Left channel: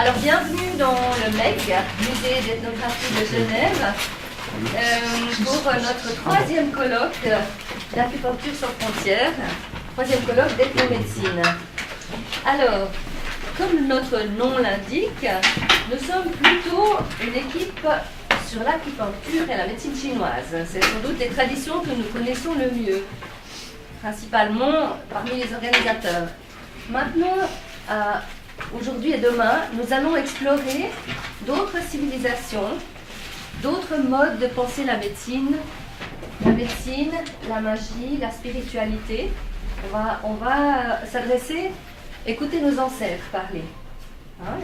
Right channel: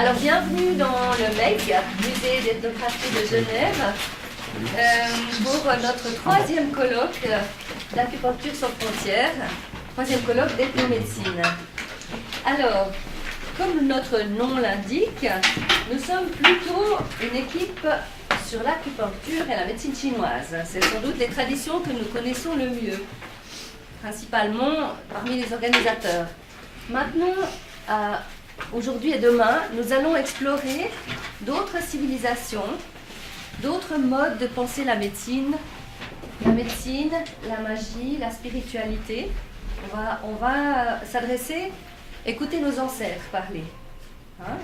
Alors, bienvenue dans le MEG, Musée d'ethnographie de Genève, pour notre troisième colloque d'acupuncture sans frontières, troisième colloque d'ethnomédecine. Alors, comme notre nom l'indique, nous sommes plutôt une équipe sur l'acupuncture et la médecine chinoise. C'est sans doute les traditions que nous connaissons le mieux, principalement parmi les organisateurs. Maintenant, aujourd'hui et demain, nous allons explorer d'autres civilisations, d'autres modes de penser la médecine, la magie, la spiritualité. On va s'adresser, écouter nos ancêtres parler.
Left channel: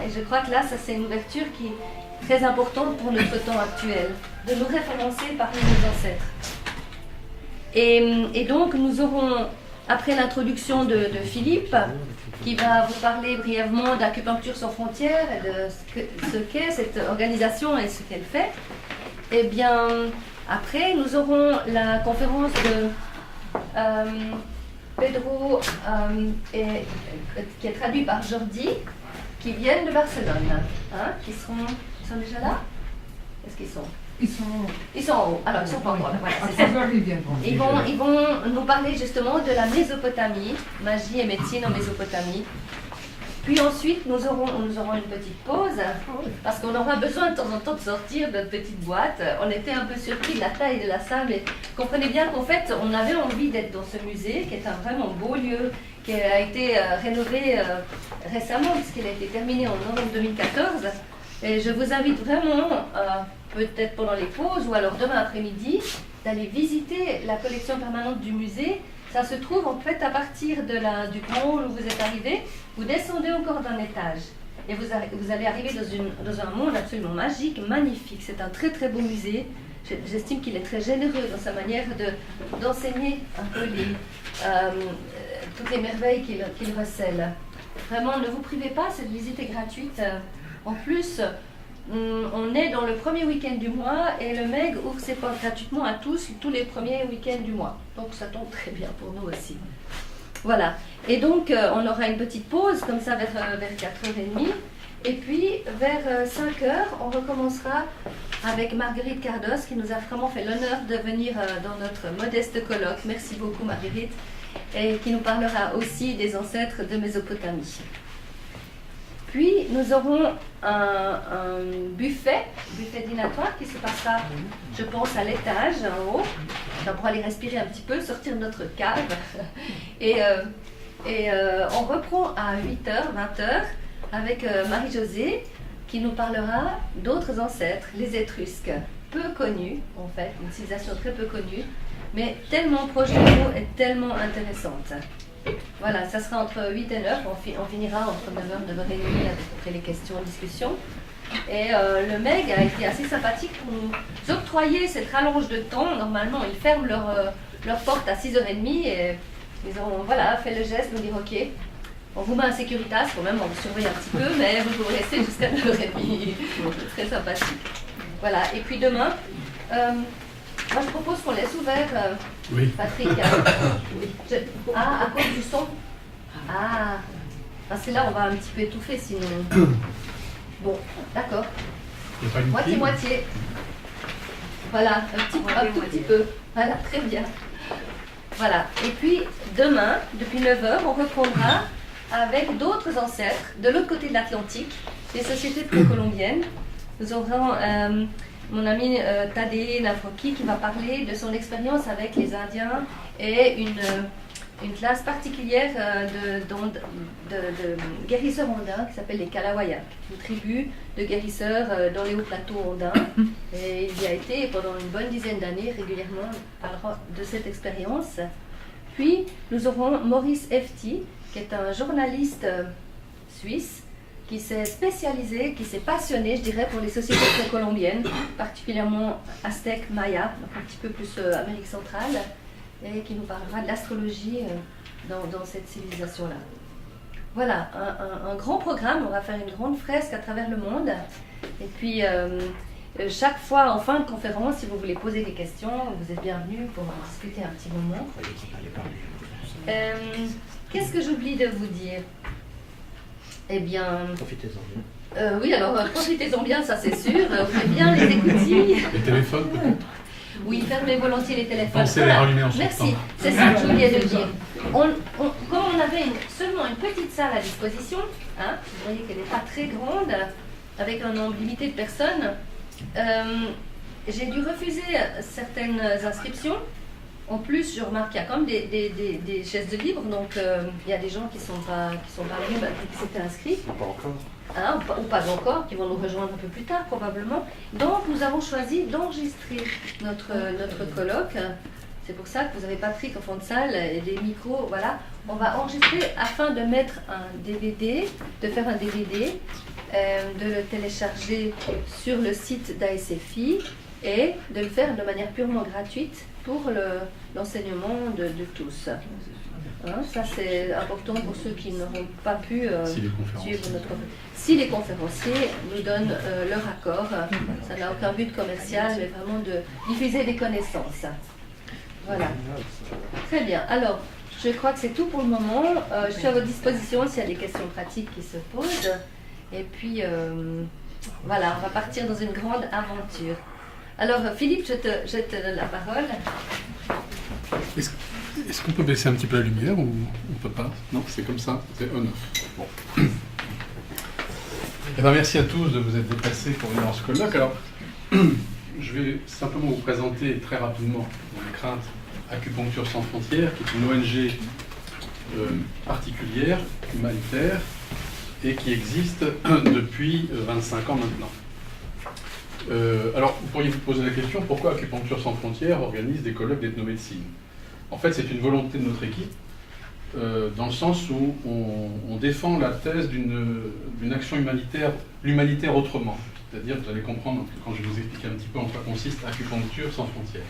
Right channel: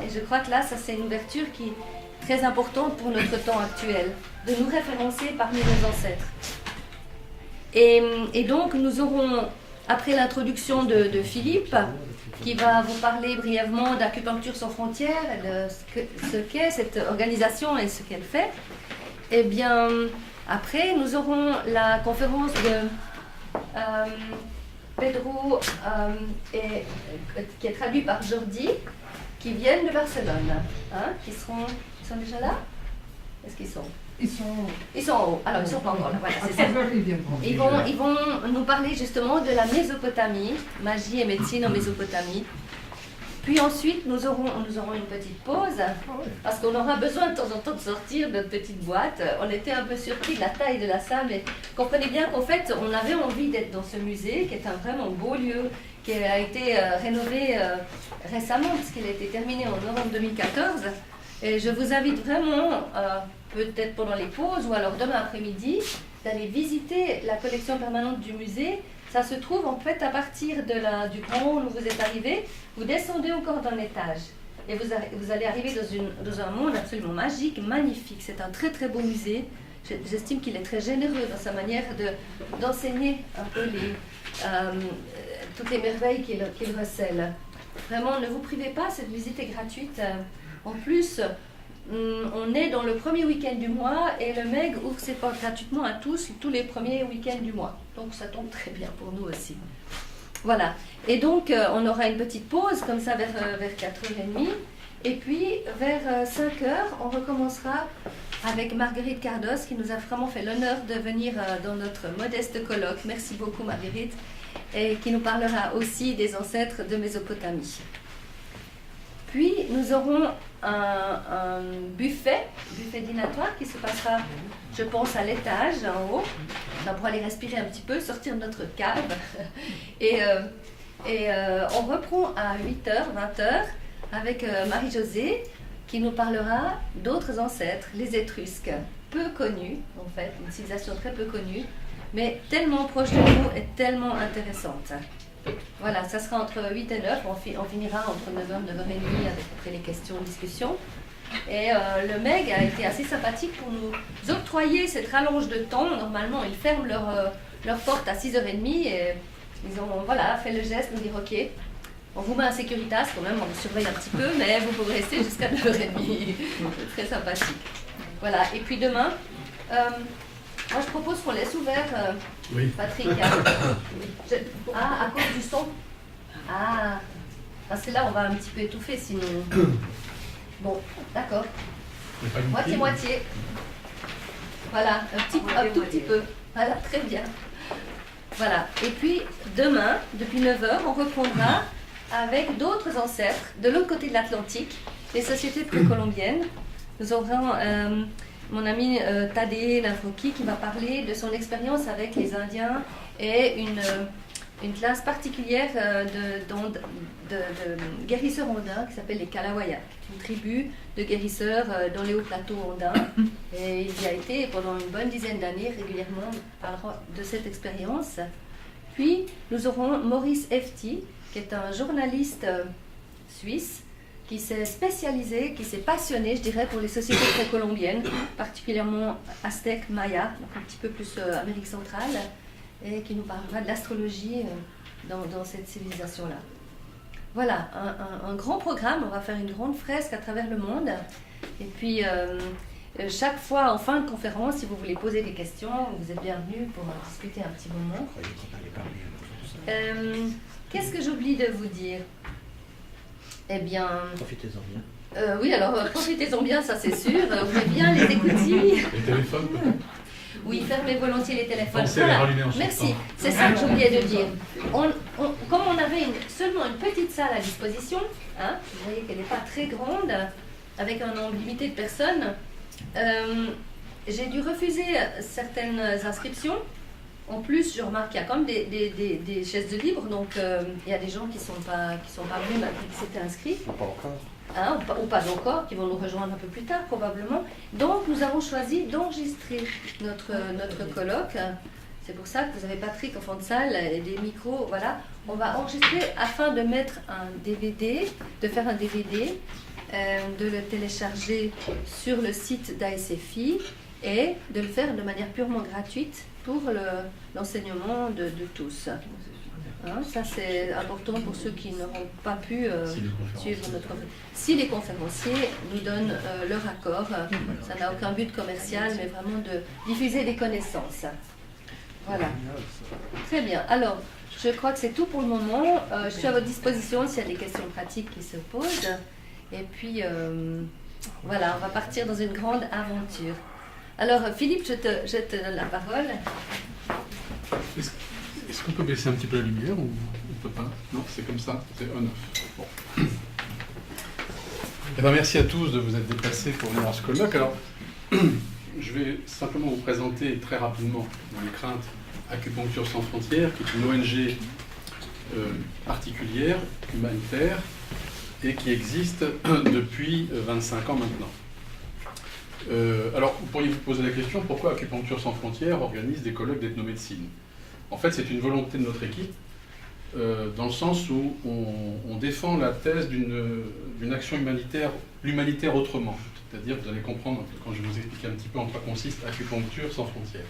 Et je crois que là, ça c'est une ouverture qui est très importante pour notre temps actuel, de nous référencer parmi nos ancêtres. Et donc, nous aurons, après l'introduction de Philippe, qui va vous parler brièvement d'acupuncture sans frontières et de ce qu'est cette organisation et ce qu'elle fait. Et bien, après, nous aurons la conférence de Pedro, qui est traduit par Jordi, qui viennent de Barcelone. Ils sont déjà là? Est-ce qu'ils sont? Ils sont en haut. Alors, ils sont pas encore là. Voilà, c'est ça. Ils vont nous parler justement de la Mésopotamie, magie et médecine en Mésopotamie. Puis ensuite, nous aurons une petite pause, parce qu'on aura besoin de temps en temps de sortir de notre petite boîte. On était un peu surpris de la taille de la salle, mais comprenez bien qu'en fait, on avait envie d'être dans ce musée, qui est un vraiment beau lieu, qui a été rénové récemment, puisqu'il a été terminé en novembre 2014. Et je vous invite vraiment, peut-être pendant les pauses ou alors demain après-midi, d'aller visiter la collection permanente du musée. Ça se trouve en fait à partir du grand hall où vous êtes arrivé. Vous descendez encore d'un étage et vous allez arriver dans un monde absolument magique, magnifique. C'est un très très beau musée. J'estime qu'il est très généreux dans sa manière d'enseigner un peu toutes les merveilles qu'il recèle. Vraiment, ne vous privez pas, cette visite est gratuite. En plus, on est dans le premier week-end du mois et le MEG ouvre ses portes gratuitement à tous les premiers week-ends du mois. Donc ça tombe très bien pour nous aussi. Voilà. Et donc on aura une petite pause comme ça vers 4h30. Et puis vers 5h, on recommencera avec Marguerite Cardos qui nous a vraiment fait l'honneur de venir dans notre modeste colloque. Merci beaucoup Marguerite. Et qui nous parlera aussi des ancêtres de Mésopotamie. Puis, nous aurons un buffet dînatoire qui se passera, je pense, à l'étage, en haut. On pourra aller respirer un petit peu, sortir de notre cave. Et on reprend à 8h, 20h, avec Marie-Josée, qui nous parlera d'autres ancêtres, les Étrusques, peu connus, en fait, une civilisation très peu connue, mais tellement proche de nous et tellement intéressante. Voilà, ça sera entre 8 et 9, on finira entre 9h et 9h30 après les questions et discussions. Et le MEG a été assez sympathique pour nous octroyer cette rallonge de temps. Normalement, ils ferment leur porte à 6h30 et ils ont fait le geste de dire ok, on vous met en sécuritas quand même, on vous surveille un petit peu, mais vous pouvez rester jusqu'à 9h30. C'est très sympathique. Voilà, et puis demain, moi je propose qu'on laisse ouvert, oui. Patrick. À cause du son. C'est là on va un petit peu étouffer sinon. Bon, d'accord. Moitié. Voilà, un tout petit peu. Voilà, très bien. Voilà, et puis demain, depuis 9h, on reprendra avec d'autres ancêtres de l'autre côté de l'Atlantique, les sociétés précolombiennes. Nous aurons mon ami Tadé Lafroki qui va parler de son expérience avec les Indiens et une classe particulière de guérisseurs andins qui s'appelle les Kalawayaks, une tribu de guérisseurs dans les hauts plateaux andins. Et il y a été pendant une bonne dizaine d'années régulièrement parlant de cette expérience. Puis nous aurons Maurice Efti, qui est un journaliste suisse qui s'est spécialisé, qui s'est passionné, je dirais, pour les sociétés précolombiennes, particulièrement aztèques, mayas, un petit peu plus Amérique centrale, et qui nous parlera de l'astrologie dans cette civilisation-là. Voilà, un grand programme, on va faire une grande fresque à travers le monde, et puis chaque fois, en fin de conférence, si vous voulez poser des questions, vous êtes bienvenus pour discuter un petit moment. Qu'est-ce que j'oublie de vous dire ? Eh bien... Profitez-en bien. Oui, alors profitez-en bien, ça c'est sûr. Ouvrez bien les écoutilles. Les téléphones peut-être. Oui, fermez volontiers les téléphones. Pensez à les rallumer en sortant. Merci, c'est ça que j'oubliais de dire. Comme on avait seulement une petite salle à disposition, hein, vous voyez qu'elle n'est pas très grande, avec un nombre limité de personnes, j'ai dû refuser certaines inscriptions. En plus, je remarque qu'il y a quand même des chaises de libre, donc il y a des gens qui ne sont pas venus, qui s'étaient inscrits. Pas encore. Hein, ou pas encore, qui vont nous rejoindre un peu plus tard probablement. Donc nous avons choisi d'enregistrer notre colloque. C'est pour ça que vous avez Patrick en fond de salle et des micros, voilà. On va enregistrer afin de mettre un DVD, de faire un DVD, de le télécharger sur le site d'ASFI et de le faire de manière purement gratuite pour l'enseignement de tous. Hein, ça c'est important pour ceux qui n'auront pas pu suivre notre conférence. Si les conférenciers nous donnent leur accord, ça n'a aucun but commercial, mais vraiment de diffuser des connaissances. Voilà. Très bien. Alors, je crois que c'est tout pour le moment. Je suis à votre disposition s'il y a des questions pratiques qui se posent. Et puis, voilà, on va partir dans une grande aventure. Alors, Philippe, je te donne la parole. Est-ce qu'on peut baisser un petit peu la lumière ou on ne peut pas? Non, c'est comme ça, c'est on-off. Bon. Eh bien, merci à tous de vous être déplacés pour venir en ce colloque. Alors, je vais simplement vous présenter très rapidement, dans les craintes, Acupuncture sans frontières, qui est une ONG particulière, humanitaire, et qui existe depuis 25 ans maintenant. Alors, vous pourriez vous poser la question, pourquoi Acupuncture sans frontières organise des colloques d'ethnomédecine? En fait, c'est une volonté de notre équipe, dans le sens où on défend la thèse d'une action humanitaire, l'humanitaire autrement. C'est-à-dire, vous allez comprendre, quand je vais vous expliquer un petit peu en quoi consiste Acupuncture sans frontières.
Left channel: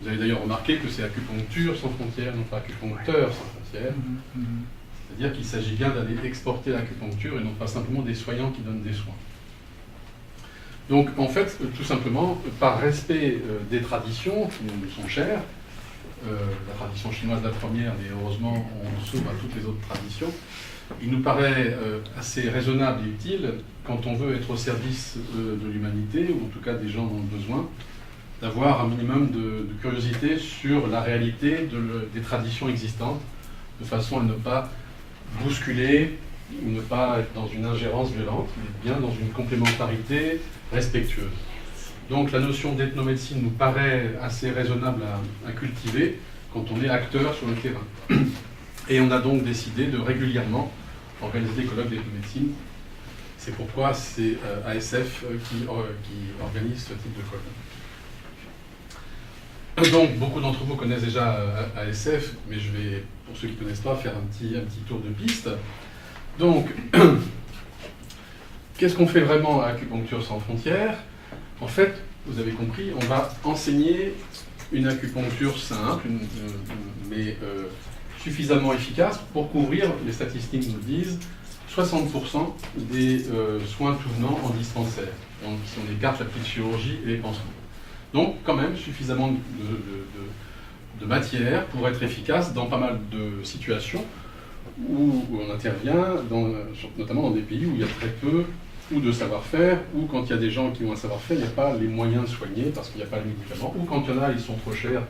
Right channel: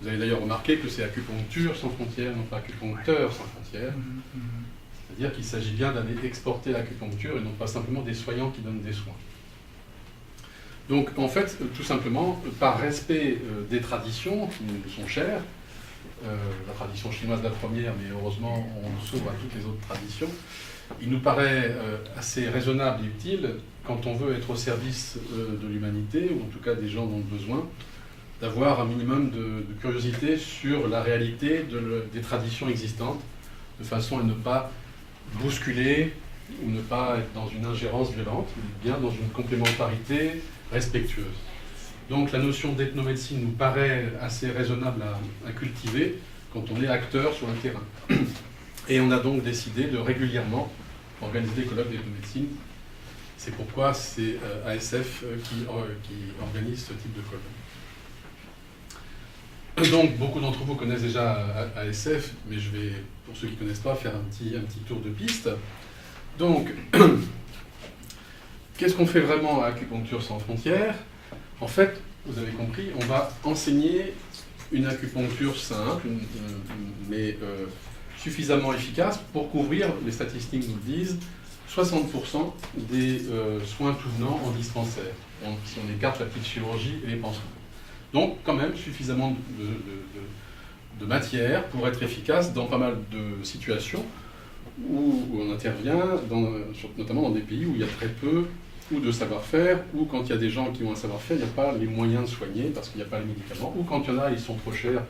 Vous avez d'ailleurs remarqué que c'est Acupuncture sans frontières, non pas acupuncteur sans frontières. C'est-à-dire qu'il s'agit bien d'aller exporter l'acupuncture et non pas simplement des soignants qui donnent des soins. Donc, en fait, tout simplement, par respect des traditions qui nous sont chères, la tradition chinoise la première, mais heureusement on s'ouvre à toutes les autres traditions, il nous paraît assez raisonnable et utile, quand on veut être au service de l'humanité, ou en tout cas des gens dans le besoin, d'avoir un minimum de curiosité sur la réalité des traditions existantes, de façon à ne pas bousculer, ou ne pas être dans une ingérence violente, mais bien dans une complémentarité respectueuse. Donc la notion d'ethnomédecine nous paraît assez raisonnable à cultiver quand on est acteur sur le terrain. Et on a donc décidé de régulièrement organiser des colloques d'ethnomédecine. C'est pourquoi c'est ASF qui organise ce type de colloque. Donc beaucoup d'entre vous connaissent déjà ASF, mais je vais, pour ceux qui ne connaissent pas, faire un petit tour de piste. Donc, qu'est-ce qu'on fait vraiment à Acupuncture sans frontières? En fait, vous avez compris, on va enseigner une acupuncture simple, mais suffisamment efficace pour couvrir, les statistiques nous le disent, 60% des soins tout venant en dispensaire. Donc, si on écarte la petite chirurgie et les pansements. Donc, quand même, suffisamment de matière pour être efficace dans pas mal de situations où on intervient, notamment dans des pays où il y a très peu ou de savoir-faire, ou quand il y a des gens qui ont un savoir-faire, il n'y a pas les moyens de soigner parce qu'il n'y a pas les médicaments, ou quand il y en a, ils sont trop chers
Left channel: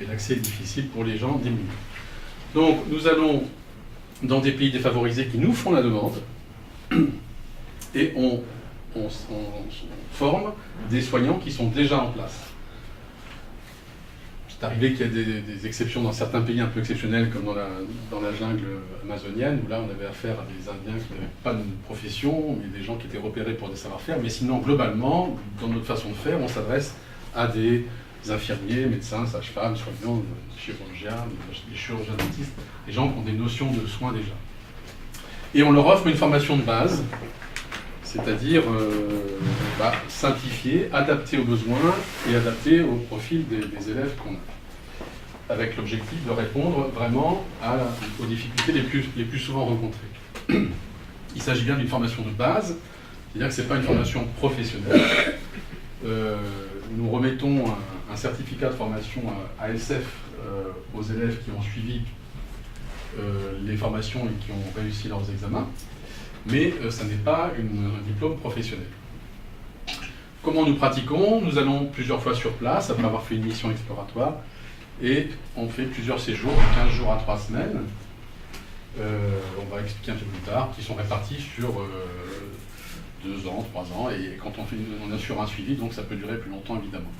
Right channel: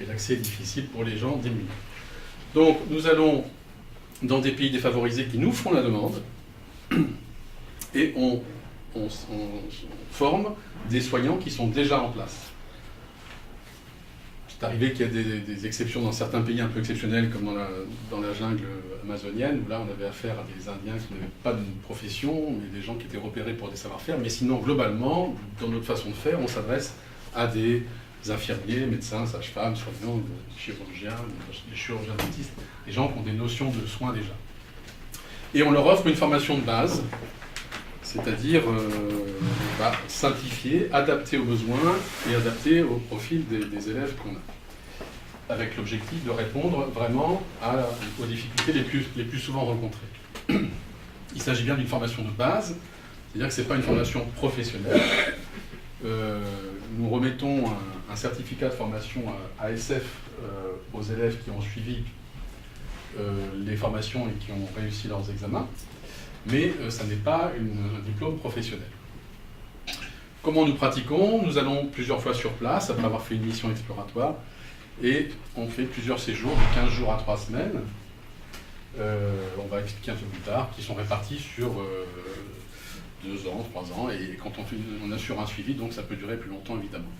et l'accès est difficile pour les gens démunis. Donc nous allons dans des pays défavorisés qui nous font la demande et on forme des soignants qui sont déjà en place. C'est arrivé qu'il y ait des exceptions dans certains pays un peu exceptionnels, comme dans la jungle amazonienne, où là on avait affaire à des Indiens qui n'avaient pas de profession, mais des gens qui étaient repérés pour des savoir-faire. Mais sinon, globalement, dans notre façon de faire, on s'adresse à des infirmiers, médecins, sages-femmes, soignants, chirurgiens, des chirurgiens dentistes, des gens qui ont des notions de soins déjà. Et on leur offre une formation de base, c'est-à-dire simplifiée, adaptée aux besoins et adaptée au profil des élèves qu'on a, avec l'objectif de répondre vraiment aux difficultés les plus souvent rencontrées. Il s'agit bien d'une formation de base, c'est-à-dire que ce n'est pas une formation professionnelle. Nous remettons un certificat de formation à ASF aux élèves qui ont suivi les formations et qui ont réussi leurs examens. mais ça n'est pas un diplôme professionnel. Comment nous pratiquons? Nous allons plusieurs fois sur place, après avoir fait une mission exploratoire, et on fait plusieurs séjours de 15 jours à 3 semaines. On va expliquer un peu plus tard, qui sont répartis sur 2 ans, 3 ans, et quand on assure un suivi, donc ça peut durer plus longtemps évidemment.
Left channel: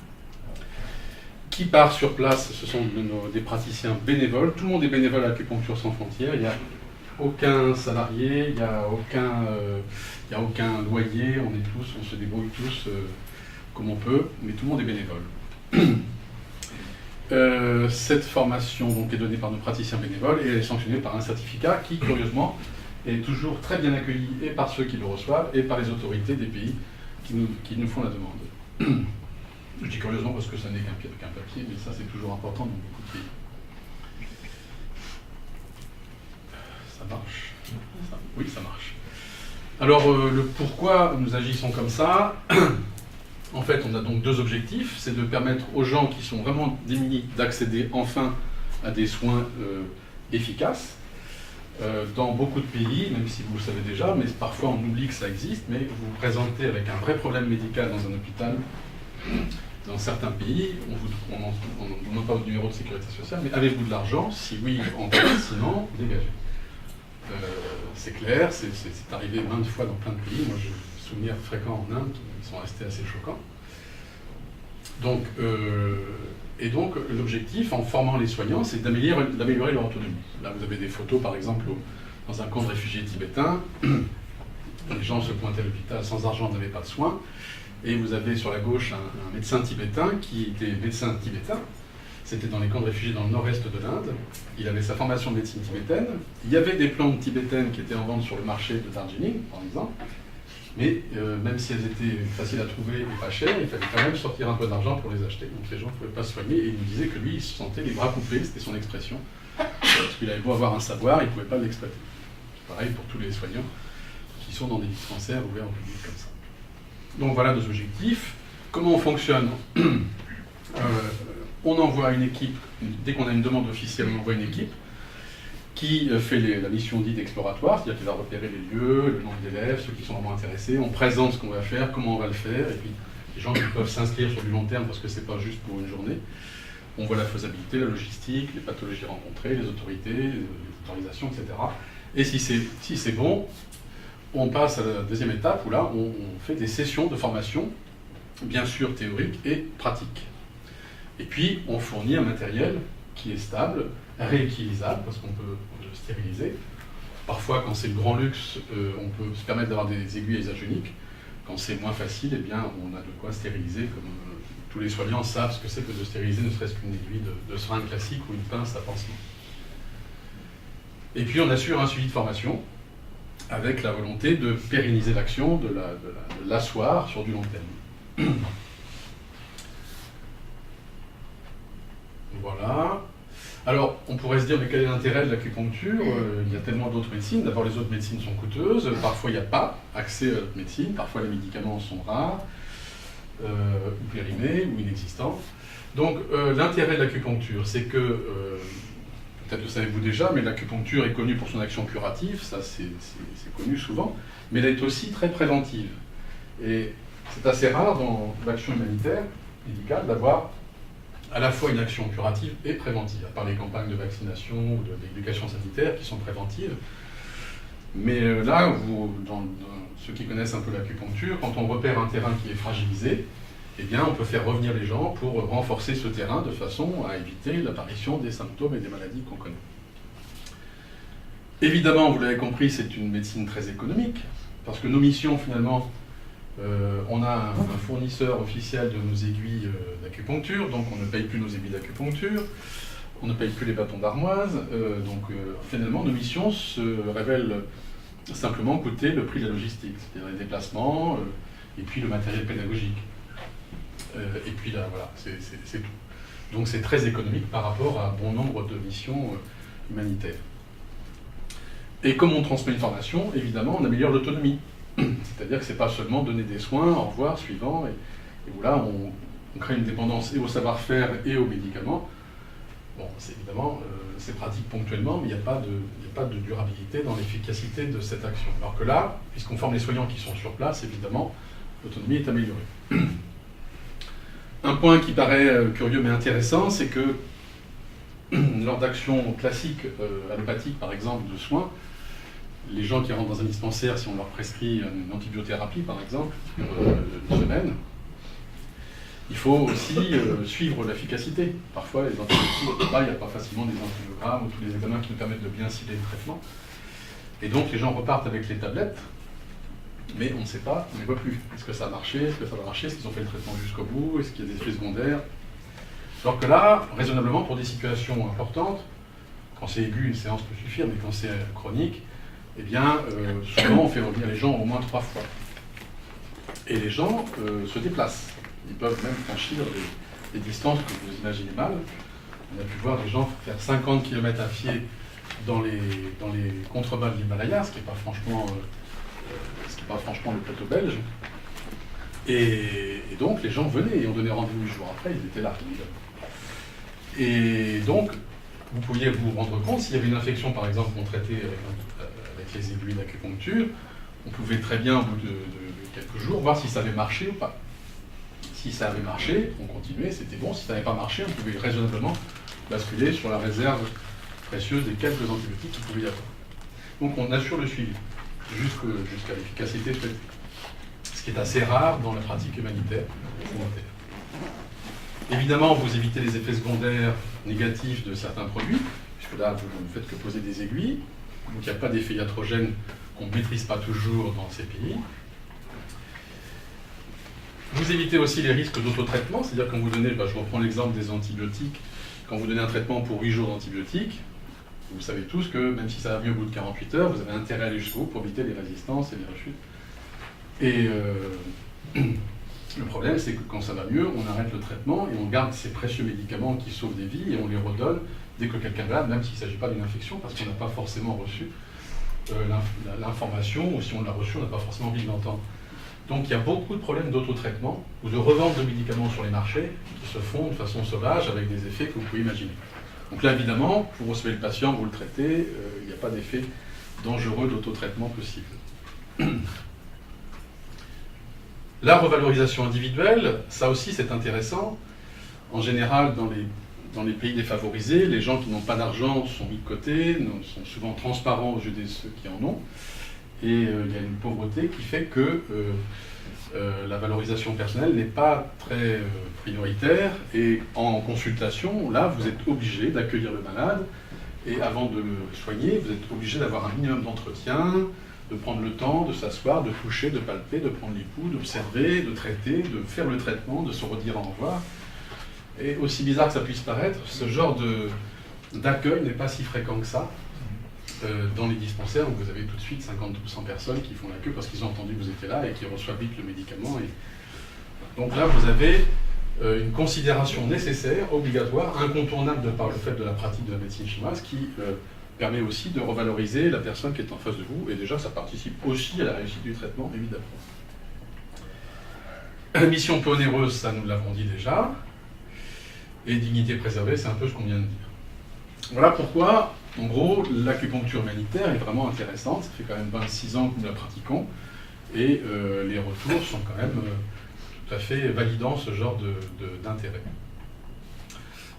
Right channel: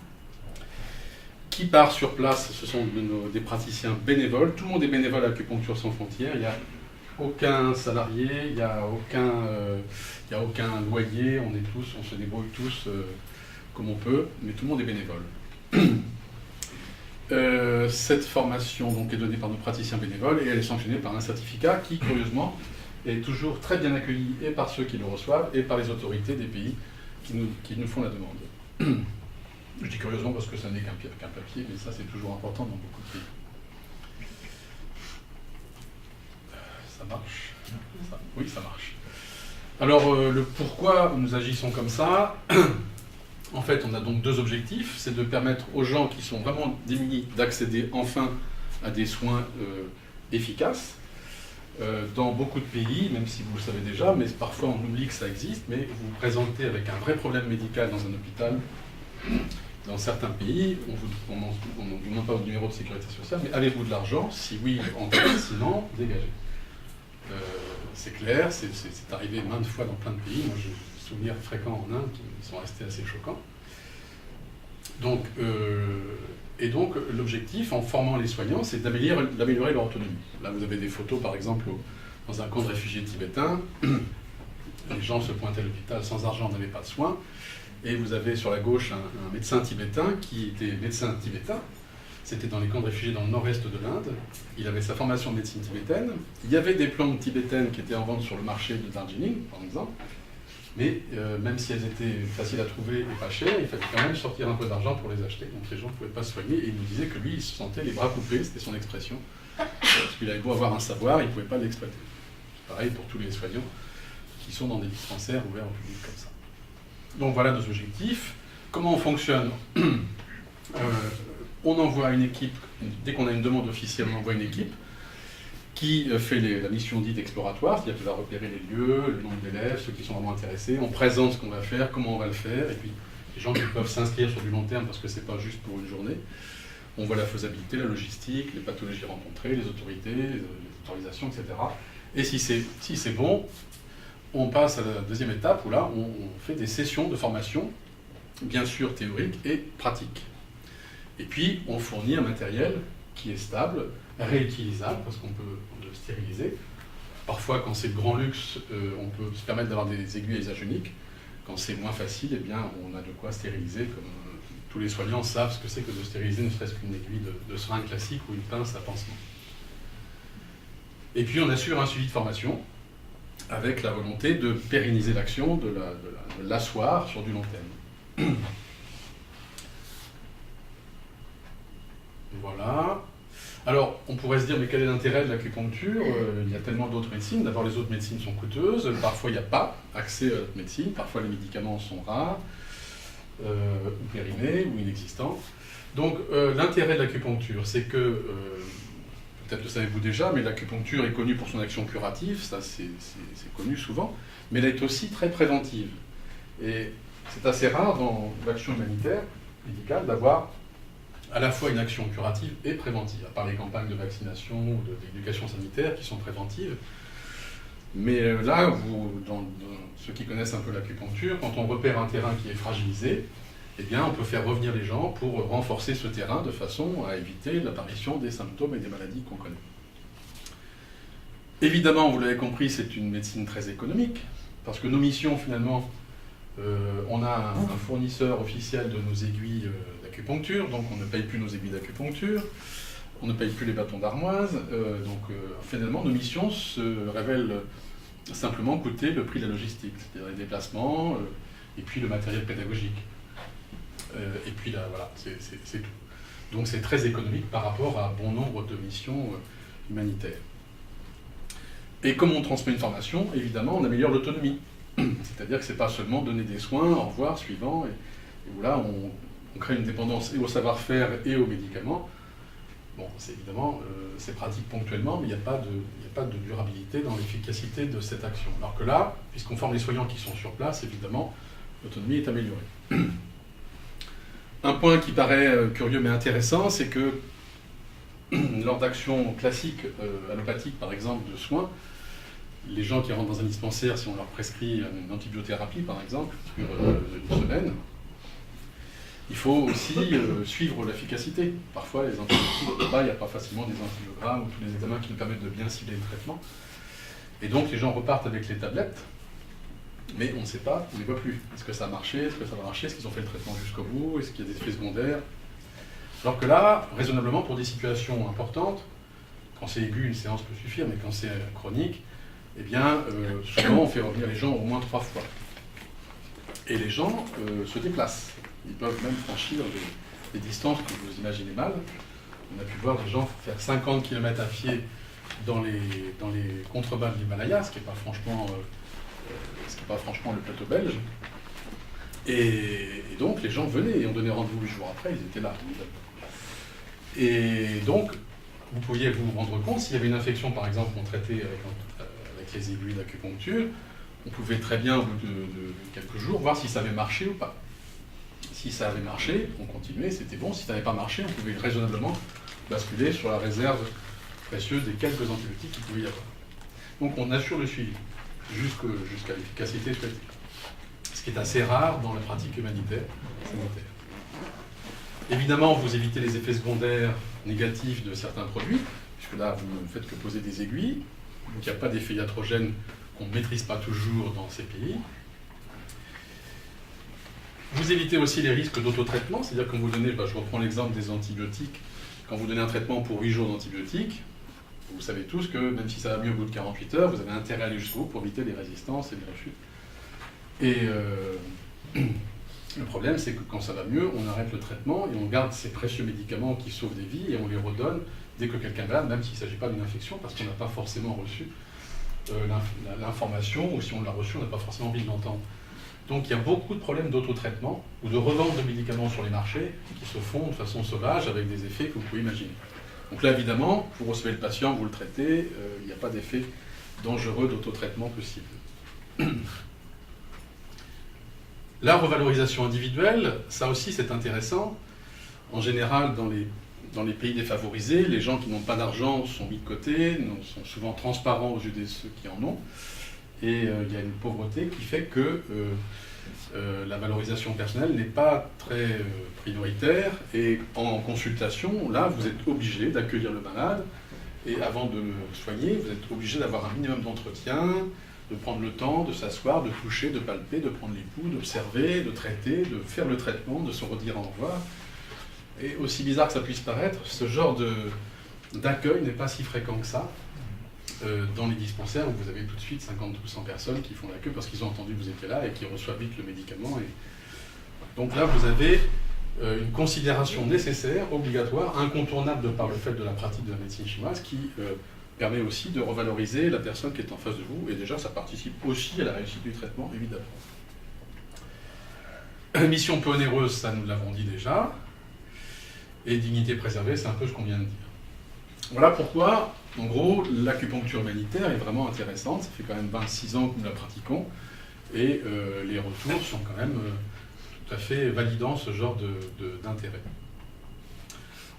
Qui part sur place? Ce sont des praticiens bénévoles. Tout le monde est bénévole à Acupuncture sans frontières. Il n'y a aucun salarié, il n'y a aucun loyer. On se débrouille tous comme on peut, mais tout le monde est bénévole. Cette formation donc, est donnée par nos praticiens bénévoles et elle est sanctionnée par un certificat qui, curieusement, est toujours très bien accueilli et par ceux qui le reçoivent et par les autorités des pays qui nous font la demande. Je dis curieusement parce que ça n'est qu'un papier, mais ça c'est toujours important dans beaucoup de pays. Ça marche? Oui, ça marche. Alors, le pourquoi nous agissons comme ça, en fait, on a donc 2 objectifs. C'est de permettre aux gens qui sont vraiment démunis d'accéder enfin à des soins efficaces. Dans beaucoup de pays, même si vous le savez déjà, mais parfois on oublie que ça existe, mais vous vous présentez avec un vrai problème médical dans un hôpital. Dans certains pays, on ne demande pas votre numéro de sécurité sociale, mais avez-vous de l'argent? Si oui, envoyez, sinon, dégagez. C'est clair, c'est arrivé maintes fois dans plein de pays. Moi, j'ai des souvenirs fréquents en Inde qui sont restés assez choquants. Donc, l'objectif, en formant les soignants, c'est d'améliorer leur autonomie. Là, vous avez des photos, par exemple, dans un camp de réfugiés tibétains. Les gens se pointaient à l'hôpital sans argent, n'avaient pas de soins. Et vous avez sur la gauche un médecin tibétain qui était médecin tibétain. C'était dans les camps de réfugiés dans le nord-est de l'Inde. Il avait sa formation de médecine tibétaine. Il y avait des plantes tibétaines qui étaient en vente sur le marché de Darjeeling, par exemple. Mais même si elles étaient faciles à trouver et pas chères, il fallait quand même sortir un peu d'argent pour les acheter. Donc les gens ne pouvaient pas se soigner. Et il nous disait que lui, il se sentait les bras coupés, c'était son expression. Parce qu'il avait beau avoir un savoir, il ne pouvait pas l'exploiter. Pareil pour tous les soignants qui sont dans des dispensaires ouverts au public comme ça. Donc voilà nos objectifs. Comment on fonctionne? On envoie une équipe, dès qu'on a une demande officielle, on envoie une équipe qui fait la mission dite exploratoire, c'est-à-dire qu'elle va repérer les lieux, le nombre d'élèves, ceux qui sont vraiment intéressés, on présente ce qu'on va faire, comment on va le faire, et puis les gens qui peuvent s'inscrire sur du long terme parce que c'est pas juste pour une journée. On voit la faisabilité, la logistique, les pathologies rencontrées, les autorités, les autorisations, etc. Et si c'est bon, on passe à la deuxième étape où là, on fait des sessions de formation, bien sûr théorique et pratique. Et puis, on fournit un matériel qui est stable, réutilisable, parce qu'on peut le stériliser. Parfois, quand c'est le grand luxe, on peut se permettre d'avoir des aiguilles à usage unique. Quand c'est moins facile, eh bien, on a de quoi stériliser, comme tous les soignants savent ce que c'est que de stériliser, ne serait-ce qu'une aiguille de seringue classique ou une pince à pansement. Et puis, on assure un suivi de formation, avec la volonté de pérenniser l'action, de l'asseoir sur du long terme. Voilà. Alors, on pourrait se dire, mais quel est l'intérêt de l'acupuncture? Il y a tellement d'autres médecines. D'abord, les autres médecines sont coûteuses. Parfois, il n'y a pas accès à l'autre médecine. Parfois, les médicaments sont rares, ou périmés, ou inexistants. Donc, l'intérêt de l'acupuncture, c'est que... peut-être le savez-vous déjà, mais l'acupuncture est connue pour son action curative, ça c'est connu souvent, mais elle est aussi très préventive. Et c'est assez rare dans l'action humanitaire, médicale, d'avoir à la fois une action curative et préventive, à part les campagnes de vaccination ou d'éducation sanitaire qui sont préventives. Mais là, dans ceux qui connaissent un peu l'acupuncture, quand on repère un terrain qui est fragilisé, eh bien, on peut faire revenir les gens pour renforcer ce terrain de façon à éviter l'apparition des symptômes et des maladies qu'on connaît. Évidemment, vous l'avez compris, c'est une médecine très économique, parce que nos missions, finalement, on a un fournisseur officiel de nos aiguilles d'acupuncture, donc on ne paye plus nos aiguilles d'acupuncture, on ne paye plus les bâtons d'armoise, donc finalement, nos missions se révèlent simplement coûter le prix de la logistique, c'est-à-dire les déplacements et puis le matériel pédagogique. Et puis là, voilà, c'est tout. Donc c'est très économique par rapport à bon nombre de missions humanitaires. Et comme on transmet une formation, évidemment, on améliore l'autonomie. C'est-à-dire que ce n'est pas seulement donner des soins, au revoir, suivant, et où là, on crée une dépendance et au savoir-faire et aux médicaments. Bon, c'est évidemment, c'est pratique ponctuellement, mais il n'y a pas pas de durabilité dans l'efficacité de cette action. Alors que là, puisqu'on forme les soignants qui sont sur place, évidemment, l'autonomie est améliorée. Un point qui paraît curieux mais intéressant, c'est que lors d'actions classiques allopathiques, par exemple, de soins, les gens qui rentrent dans un dispensaire, si on leur prescrit une antibiothérapie, par exemple, une semaine, il faut aussi suivre l'efficacité. Parfois, les antibiotiques, il n'y a pas facilement des antibiogrammes ou tous les examens qui nous permettent de bien cibler le traitement. Et donc, les gens repartent avec les tablettes, mais on ne sait pas, on ne les voit plus. Est-ce que ça a marché? Est-ce que ça va marcher? Est-ce qu'ils ont fait le traitement jusqu'au bout? Est-ce qu'il y a des effets secondaires? Alors que là, raisonnablement, pour des situations importantes, quand c'est aigu, une séance peut suffire, mais quand c'est chronique, eh bien, souvent on fait revenir les gens au moins 3 fois. Et les gens se déplacent. Ils peuvent même franchir des distances que vous imaginez mal. On a pu voir des gens faire 50 km à pied dans les contrebas de l'Himalaya, ce qui n'est pas franchement le plateau belge. Et donc les gens venaient et on donnait rendez-vous 8 jours après, ils étaient là. Et donc, vous pouviez vous rendre compte, s'il y avait une infection, par exemple, qu'on traitait avec les aiguilles d'acupuncture, on pouvait très bien, au bout de quelques jours, voir si ça avait marché ou pas. Si ça avait marché, on continuait, c'était bon. Si ça n'avait pas marché, on pouvait raisonnablement basculer sur la réserve précieuse des quelques antibiotiques qu'il pouvait y avoir. Donc on assure le suivi, jusqu'à l'efficacité souhaitée. Ce qui est assez rare dans la pratique humanitaire. Évidemment, vous évitez les effets secondaires négatifs de certains produits, puisque là, vous ne faites que poser des aiguilles. Donc il n'y a pas d'effet iatrogène qu'on ne maîtrise pas toujours dans ces pays. Vous évitez aussi les risques d'autotraitement, c'est-à-dire quand vous donnez, je reprends l'exemple des antibiotiques, quand vous donnez un traitement pour 8 jours d'antibiotiques, vous savez tous que même si ça va mieux au bout de 48 heures, vous avez intérêt à aller jusqu'au bout pour éviter les résistances et les rechutes. Et le problème, c'est que quand ça va mieux, on arrête le traitement et on garde ces précieux médicaments qui sauvent des vies et on les redonne dès que quelqu'un est malade, même s'il ne s'agit pas d'une infection, parce qu'on n'a pas forcément reçu l'information, ou si on l'a reçu, on n'a pas forcément envie de l'entendre. Donc il y a beaucoup de problèmes d'autotraitement ou de revente de médicaments sur les marchés qui se font de façon sauvage avec des effets que vous pouvez imaginer. Donc là, évidemment, vous recevez le patient, vous le traitez, il n'y a pas d'effet dangereux d'autotraitement possible. La revalorisation individuelle, ça aussi c'est intéressant. En général, dans les pays défavorisés, les gens qui n'ont pas d'argent sont mis de côté, sont souvent transparents aux yeux de ceux qui en ont. Et il y a une pauvreté qui fait que la valorisation personnelle n'est pas très prioritaire. Et en consultation, là, vous êtes obligé d'accueillir le malade. Et avant de le soigner, vous êtes obligé d'avoir un minimum d'entretien, de prendre le temps, de s'asseoir, de toucher, de palper, de prendre les pouls, d'observer, de traiter, de faire le traitement, de se redire au revoir. Et aussi bizarre que ça puisse paraître, ce genre d'accueil n'est pas si fréquent que ça. Dans les dispensaires, vous avez tout de suite 50 ou 100 personnes qui font la queue parce qu'ils ont entendu que vous étiez là et qui reçoivent vite le médicament. Donc là, vous avez une considération nécessaire, obligatoire, incontournable de par le fait de la pratique de la médecine chinoise qui permet aussi de revaloriser la personne qui est en face de vous. Et déjà, ça participe aussi à la réussite du traitement, évidemment. La mission peu onéreuse, ça nous l'avons dit déjà. Et dignité préservée, c'est un peu ce qu'on vient de dire. Voilà pourquoi, en gros, l'acupuncture humanitaire est vraiment intéressante. Ça fait quand même 26 ans que nous la pratiquons. Et les retours sont quand même tout à fait validant ce genre d'intérêt.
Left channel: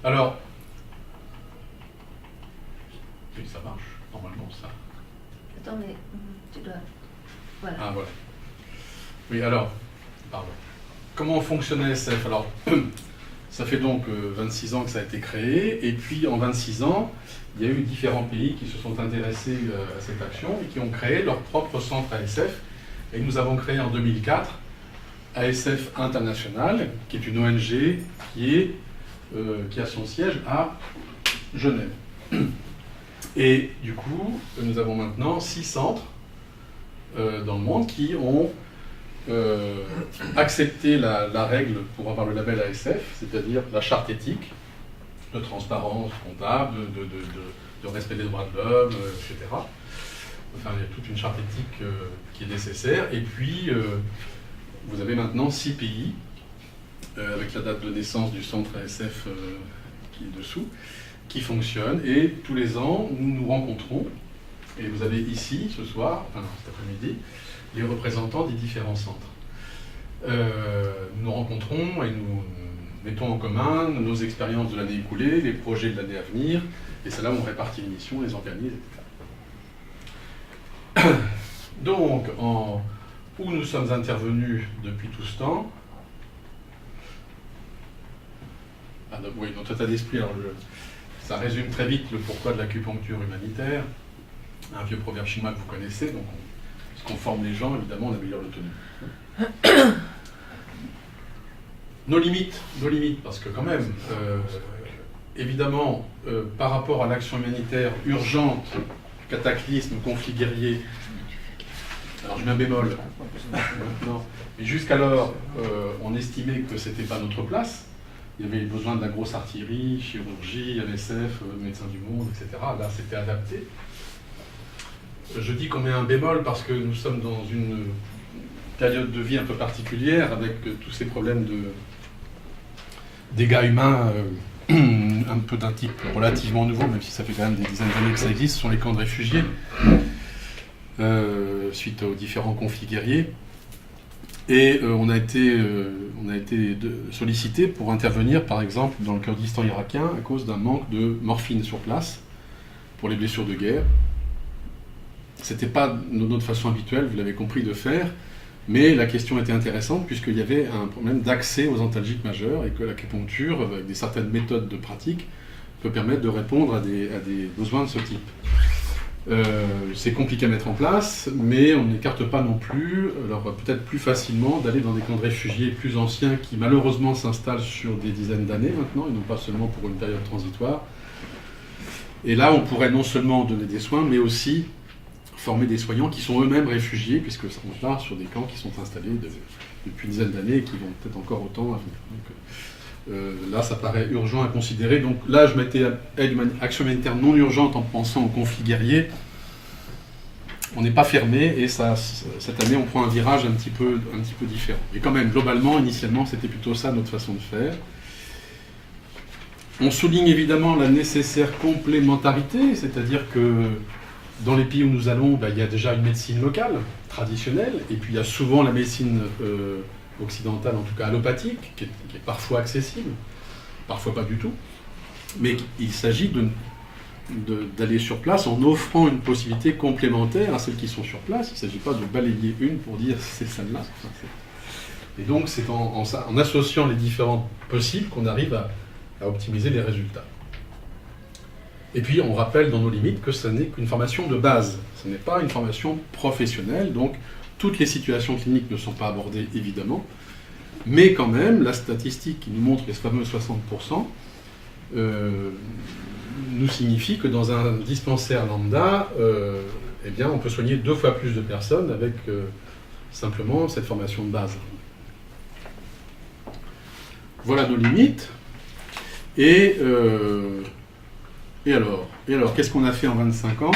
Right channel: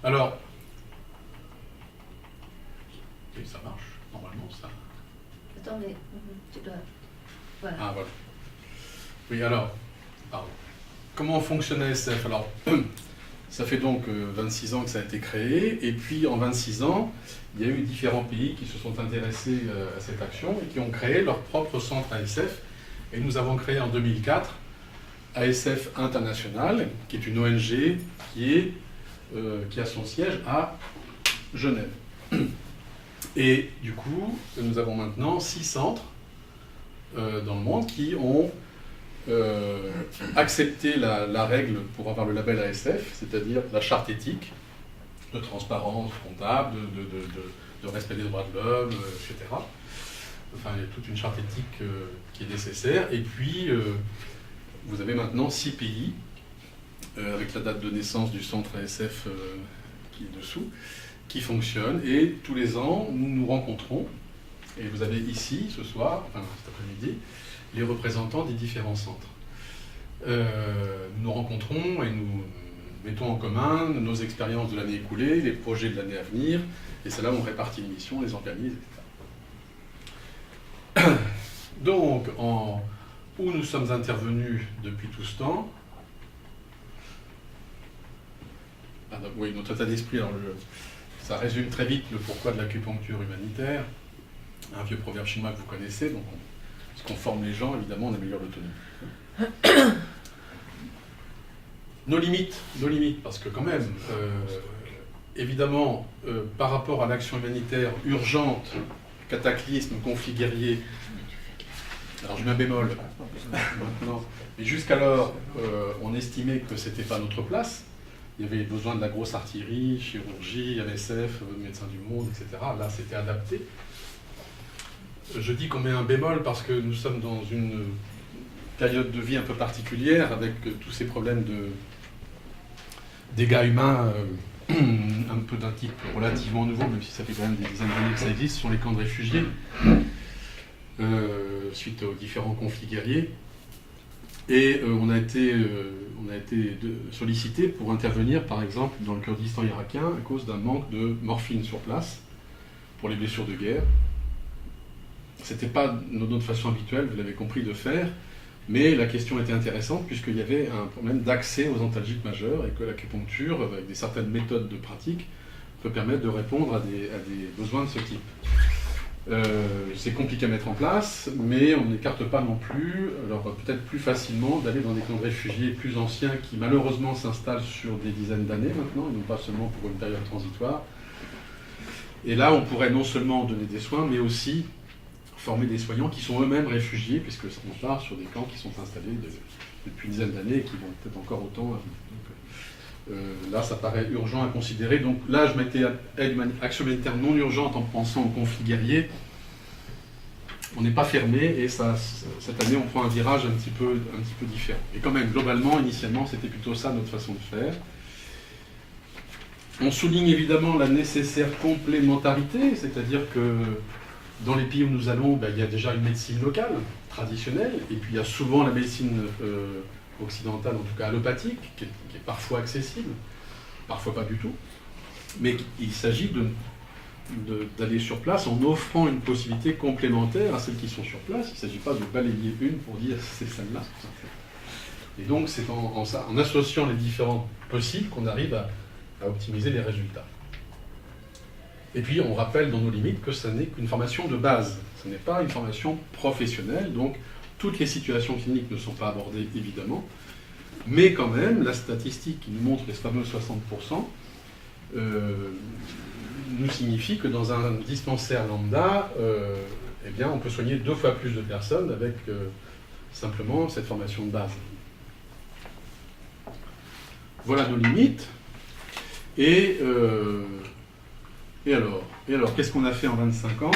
Alors, oui, ça marche, normalement, ça. Attends, mais tu dois... Voilà. Ah, voilà. Oui, alors, pardon. Comment fonctionne ASF? Alors, ça fait donc 26 ans que ça a été créé, et puis en 26 ans, il y a eu différents pays qui se sont intéressés à cette action et qui ont créé leur propre centre ASF. Et nous avons créé en 2004 ASF International, qui est une ONG qui a son siège à Genève. Et du coup, nous avons maintenant 6 centres dans le monde qui ont accepté la règle pour avoir le label ASF, c'est-à-dire la charte éthique de transparence comptable, de respect des droits de l'homme, etc. Enfin, il y a toute une charte éthique qui est nécessaire. Et puis, vous avez maintenant 6 pays, avec la date de naissance du centre ASF qui est dessous, qui fonctionnent. Et tous les ans, nous nous rencontrons Et vous avez ici, ce soir, enfin cet après-midi, les représentants des différents centres. Nous nous rencontrons et nous mettons en commun nos expériences de l'année écoulée, les projets de l'année à venir, et c'est là où on répartit les missions, les organise, etc. Donc, où nous sommes intervenus depuis tout ce temps. Oui, notre état d'esprit, ça résume très vite le pourquoi de l'acupuncture humanitaire. Un vieux proverbe chinois que vous connaissez, donc puisqu'on forme les gens, évidemment, on améliore l'autonomie. Nos limites, parce que quand même, évidemment, par rapport à l'action humanitaire urgente, cataclysme, conflit guerrier, alors je mets un bémol, mais jusqu'alors, on estimait que ce n'était pas notre place. Il y avait besoin de la grosse artillerie, chirurgie, MSF, Médecins du Monde, etc. Là, c'était adapté. Je dis qu'on met un bémol parce que nous sommes dans une période de vie un peu particulière avec tous ces problèmes de dégâts humains un peu d'un type relativement nouveau, même si ça fait quand même des dizaines d'années que ça existe, ce sont les camps de réfugiés, suite aux différents conflits guerriers. Et on a été sollicité pour intervenir, par exemple, dans le Kurdistan irakien, à cause d'un manque de morphine sur place pour les blessures de guerre. Ce n'était pas notre façon habituelle, vous l'avez compris, de faire, mais la question était intéressante puisqu'il y avait un problème d'accès aux antalgiques majeurs et que l'acupuncture, avec certaines méthodes de pratique, peut permettre de répondre à des besoins de ce type. C'est compliqué à mettre en place, mais on n'écarte pas non plus, alors peut-être plus facilement, d'aller dans des camps de réfugiés plus anciens qui malheureusement s'installent sur des dizaines d'années maintenant, et non pas seulement pour une période transitoire. Et là, on pourrait non seulement donner des soins, mais aussi former des soignants qui sont eux-mêmes réfugiés, puisque on part sur des camps qui sont installés depuis une dizaine d'années et qui vont peut-être encore autant à venir. Donc, là, ça paraît urgent à considérer. Donc là, je mettais action humanitaire non urgente en pensant au conflit guerrier. On n'est pas fermé et cette année, on prend un virage un petit peu différent. Et quand même, globalement, initialement, c'était plutôt ça notre façon de faire. On souligne évidemment la nécessaire complémentarité, c'est-à-dire que dans les pays où nous allons, il y a déjà une médecine locale, traditionnelle, et puis il y a souvent la médecine occidentale, en tout cas allopathique, qui est parfois accessible, parfois pas du tout. Mais il s'agit d'aller sur place en offrant une possibilité complémentaire à celles qui sont sur place. Il ne s'agit pas de balayer une pour dire c'est celle-là. Et donc c'est en associant les différentes possibles qu'on arrive à optimiser les résultats. Et puis, on rappelle dans nos limites que ce n'est qu'une formation de base. Ce n'est pas une formation professionnelle, donc toutes les situations cliniques ne sont pas abordées, évidemment. Mais quand même, la statistique qui nous montre les fameux 60% nous signifie que dans un dispensaire lambda, eh bien, on peut soigner 2 fois plus de personnes avec simplement cette formation de base. Voilà nos limites. Et alors, qu'est-ce qu'on a fait en 25 ans?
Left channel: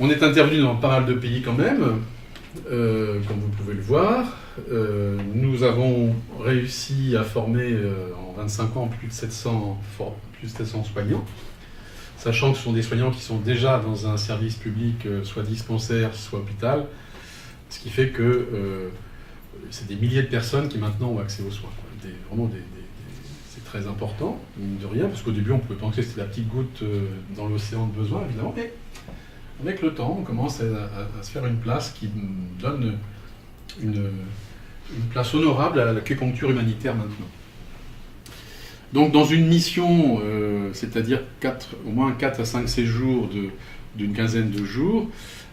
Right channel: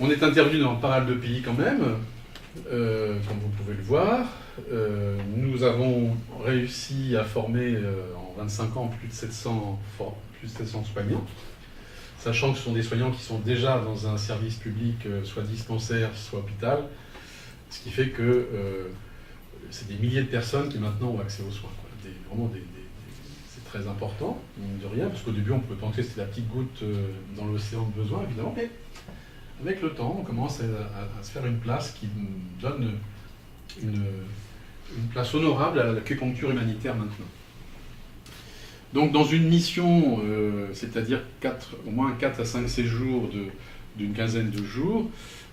On est intervenu dans pas mal de pays quand même, comme vous pouvez le voir. Nous avons réussi à former en 25 ans plus de 700 soignants, sachant que ce sont des soignants qui sont déjà dans un service public, soit dispensaire, soit hôpital, ce qui fait que c'est des milliers de personnes qui maintenant ont accès aux soins. C'est très important, mine de rien, parce qu'au début on pouvait penser que c'était la petite goutte dans l'océan de besoin, évidemment, mais avec le temps on commence à se faire une place qui donne une place honorable à l'acupuncture humanitaire maintenant. Donc dans une mission, c'est-à-dire au moins 4 à 5 séjours d'une quinzaine de jours,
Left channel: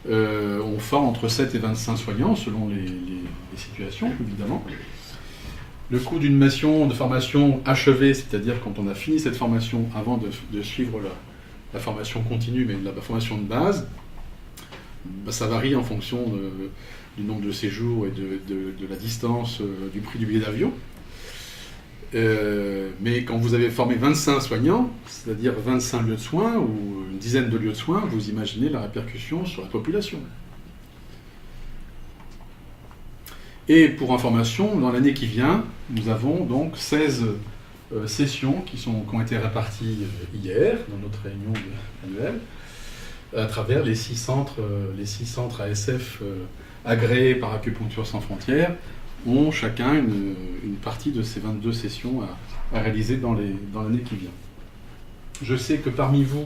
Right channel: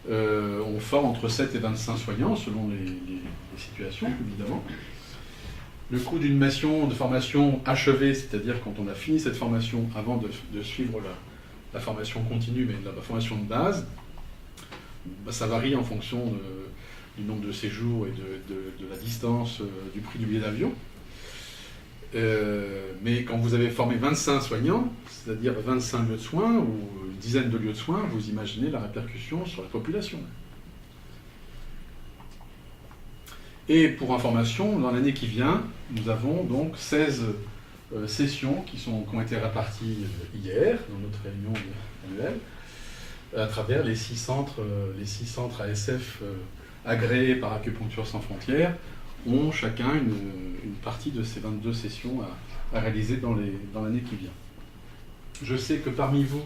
on forme entre 7 et 25 soignants selon les situations, évidemment. Le coût d'une mission de formation achevée, c'est-à-dire quand on a fini cette formation avant de suivre la formation continue, mais la formation de base, ça varie en fonction du nombre de séjours et de la distance du prix du billet d'avion. Mais quand vous avez formé 25 soignants, c'est-à-dire 25 lieux de soins ou une dizaine de lieux de soins, vous imaginez la répercussion sur la population. Et pour information, dans l'année qui vient, nous avons donc 16 sessions qui ont été réparties hier dans notre réunion annuelle. à travers les 6 centres ASF agréés par Acupuncture Sans Frontières, ont chacun une partie de ces 22 sessions à réaliser dans l'année qui vient. Je sais que parmi vous,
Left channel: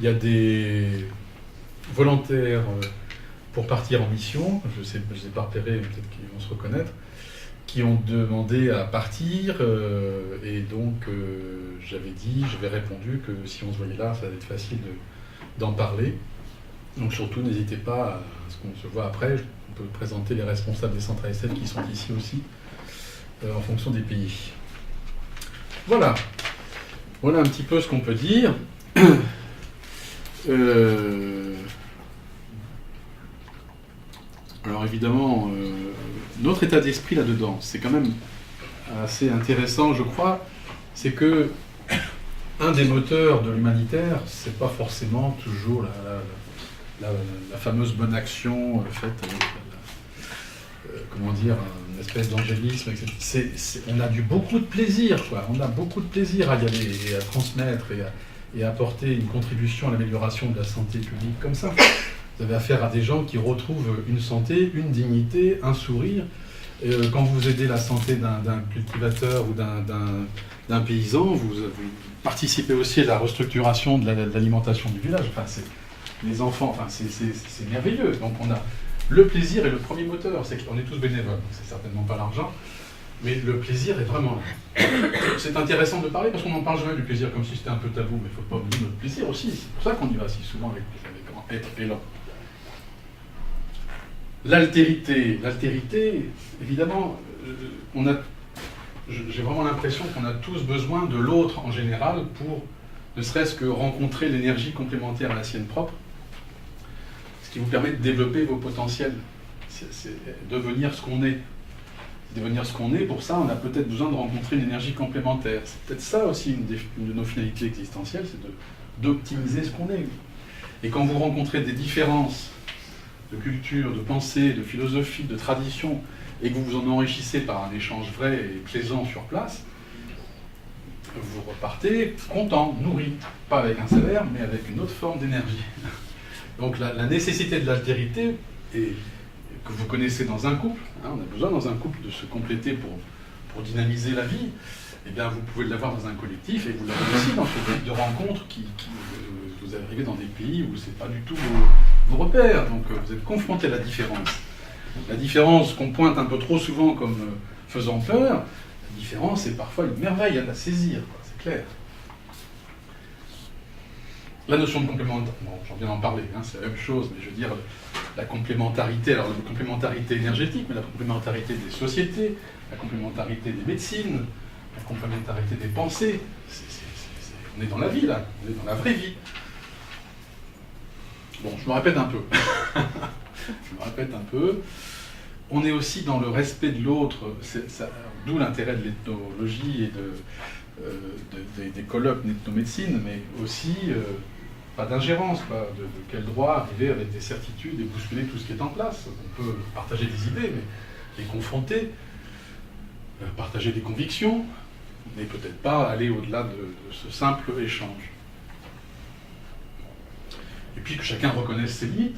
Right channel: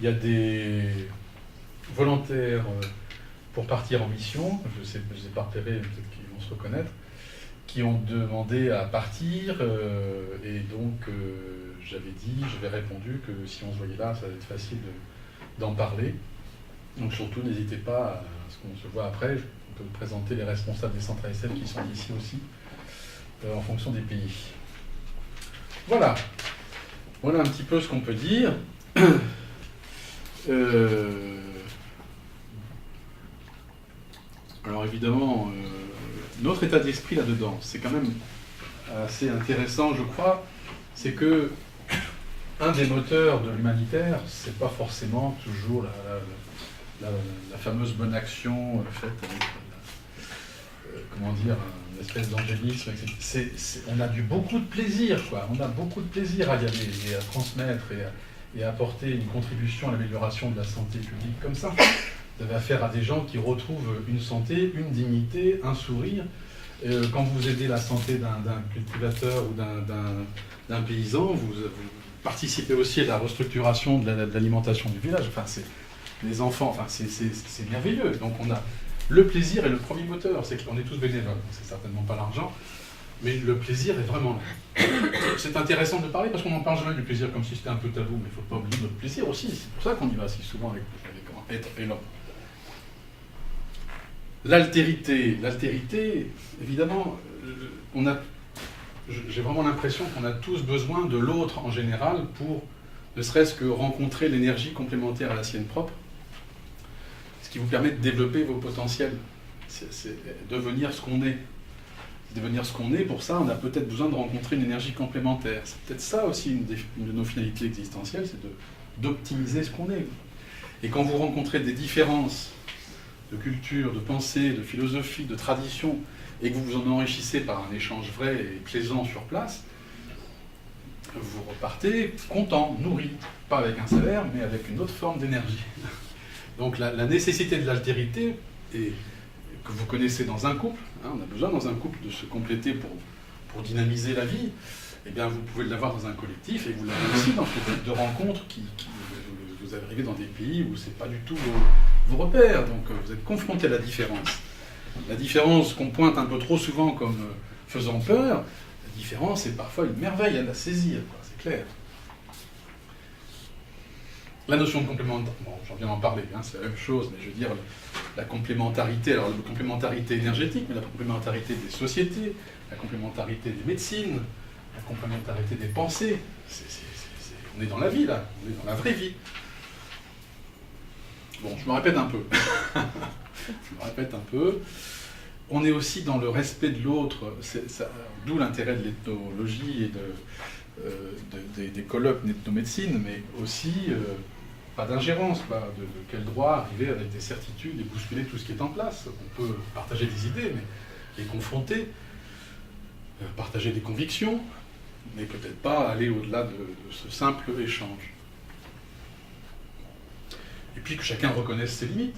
il y a des volontaires pour partir en mission, je ne les ai pas repérés, peut-être qu'ils vont se reconnaître, qui ont demandé à partir, et donc j'avais répondu que si on se voyait là, ça allait être facile d'en parler. Donc surtout, n'hésitez pas à ce qu'on se voit après. On peut présenter les responsables des centres ASF qui sont ici aussi, en fonction des pays. Voilà. Voilà un petit peu ce qu'on peut dire. Alors évidemment, notre état d'esprit là-dedans, c'est quand même assez intéressant, je crois. C'est que un des moteurs de l'humanitaire, c'est pas forcément toujours la fameuse bonne action faite avec comment dire, une espèce d'angélisme, etc. On a beaucoup de plaisir, quoi. On a beaucoup de plaisir à y aller et à transmettre et à apporter une contribution à l'amélioration de la santé publique comme ça. Vous avez affaire à des gens qui retrouvent une santé, une dignité, un sourire. Quand vous aidez la santé d'un cultivateur ou d'un paysan, vous participez aussi à la restructuration de l'alimentation du village. Enfin, les enfants, enfin, c'est merveilleux. Donc on a le plaisir est le premier moteur. C'est qu'on est tous bénévoles, c'est certainement pas l'argent, mais le plaisir est vraiment là. C'est intéressant de parler parce qu'on en parle jamais du plaisir comme si c'était un peu tabou, mais il ne faut pas oublier notre plaisir aussi. C'est pour ça qu'on y va si souvent avec être et l'homme. L'altérité, évidemment, j'ai vraiment l'impression qu'on a tous besoin de l'autre en général pour ne serait-ce que rencontrer l'énergie complémentaire à la sienne propre, ce qui vous permet de développer vos potentiels, c'est devenir ce qu'on est. Devenir ce qu'on est, pour ça, on a peut-être besoin de rencontrer une énergie complémentaire. C'est peut-être ça aussi une de nos finalités existentielles, c'est d'optimiser ce qu'on est. Et quand vous rencontrez des différences de culture, de pensée, de philosophie, de tradition, et que vous vous en enrichissez par un échange vrai et plaisant sur place, vous repartez content, nourri, pas avec un salaire, mais avec une autre forme d'énergie. Donc la nécessité de l'altérité, et que vous connaissez dans un couple, hein, on a besoin dans un couple de se compléter pour dynamiser la vie, eh bien vous pouvez l'avoir dans un collectif, et vous l'avez aussi dans ce type de rencontres qui vous arrivez dans des pays où c'est pas du tout vos repères, donc vous êtes confronté à la différence. La différence qu'on pointe un peu trop souvent comme faisant peur, la différence est parfois une merveille à la saisir, c'est clair. La notion de complémentarité, bon, j'en viens d'en parler, hein, c'est la même chose, mais je veux dire, la complémentarité, alors la complémentarité énergétique, mais la complémentarité des sociétés, la complémentarité des médecines, la complémentarité des pensées, on est dans la vie là, on est dans la vraie vie. Bon, je me répète un peu. On est aussi dans le respect de l'autre, d'où l'intérêt de l'ethnologie et des colloques d'ethnomédecine, mais aussi pas d'ingérence, de quel droit arriver avec des certitudes et bousculer tout ce qui est en place. On peut partager des idées, mais les confronter, partager des convictions, mais peut-être pas aller au-delà de ce simple échange. Et puis que chacun reconnaisse ses limites.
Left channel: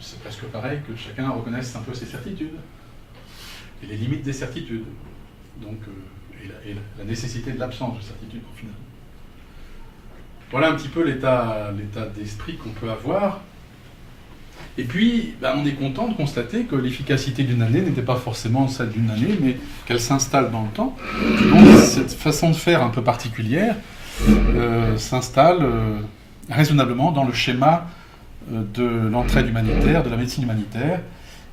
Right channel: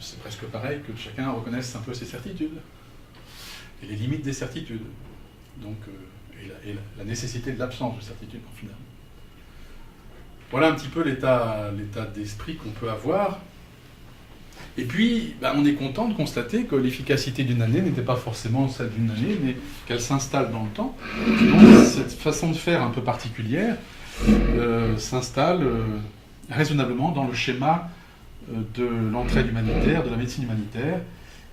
C'est presque pareil que chacun reconnaisse un peu ses certitudes. Et les limites des certitudes. Donc, et la nécessité de l'absence de certitude, au final. Voilà un petit peu l'état d'esprit qu'on peut avoir. Et puis, on est content de constater que l'efficacité d'une année n'était pas forcément celle d'une année, mais qu'elle s'installe dans le temps. Donc, cette façon de faire un peu particulière s'installe raisonnablement dans le schéma de l'entraide humanitaire, de la médecine humanitaire,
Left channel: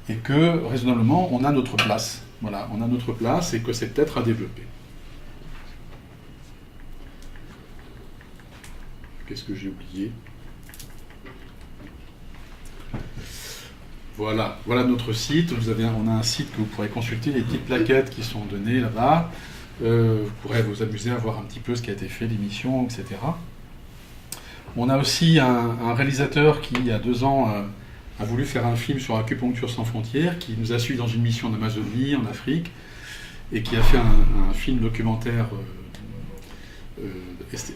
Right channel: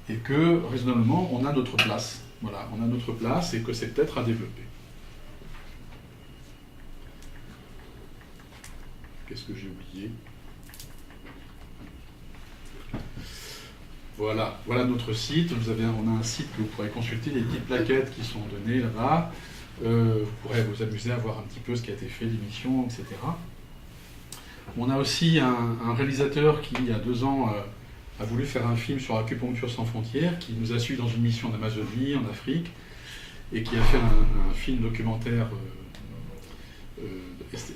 et que raisonnablement on a notre place. Voilà, on a notre place et que c'est peut-être à développer. Qu'est-ce que j'ai oublié ? Voilà notre site. On a un site que vous pourrez consulter, les petites plaquettes qui sont données là-bas. Vous pourrez vous amuser à voir un petit peu ce qui a été fait, l'émission, etc. On a aussi un réalisateur qui, il y a 2 ans, a voulu faire un film sur Acupuncture Sans Frontières, qui nous a suivis dans une mission en Amazonie, en Afrique, et qui a fait un film documentaire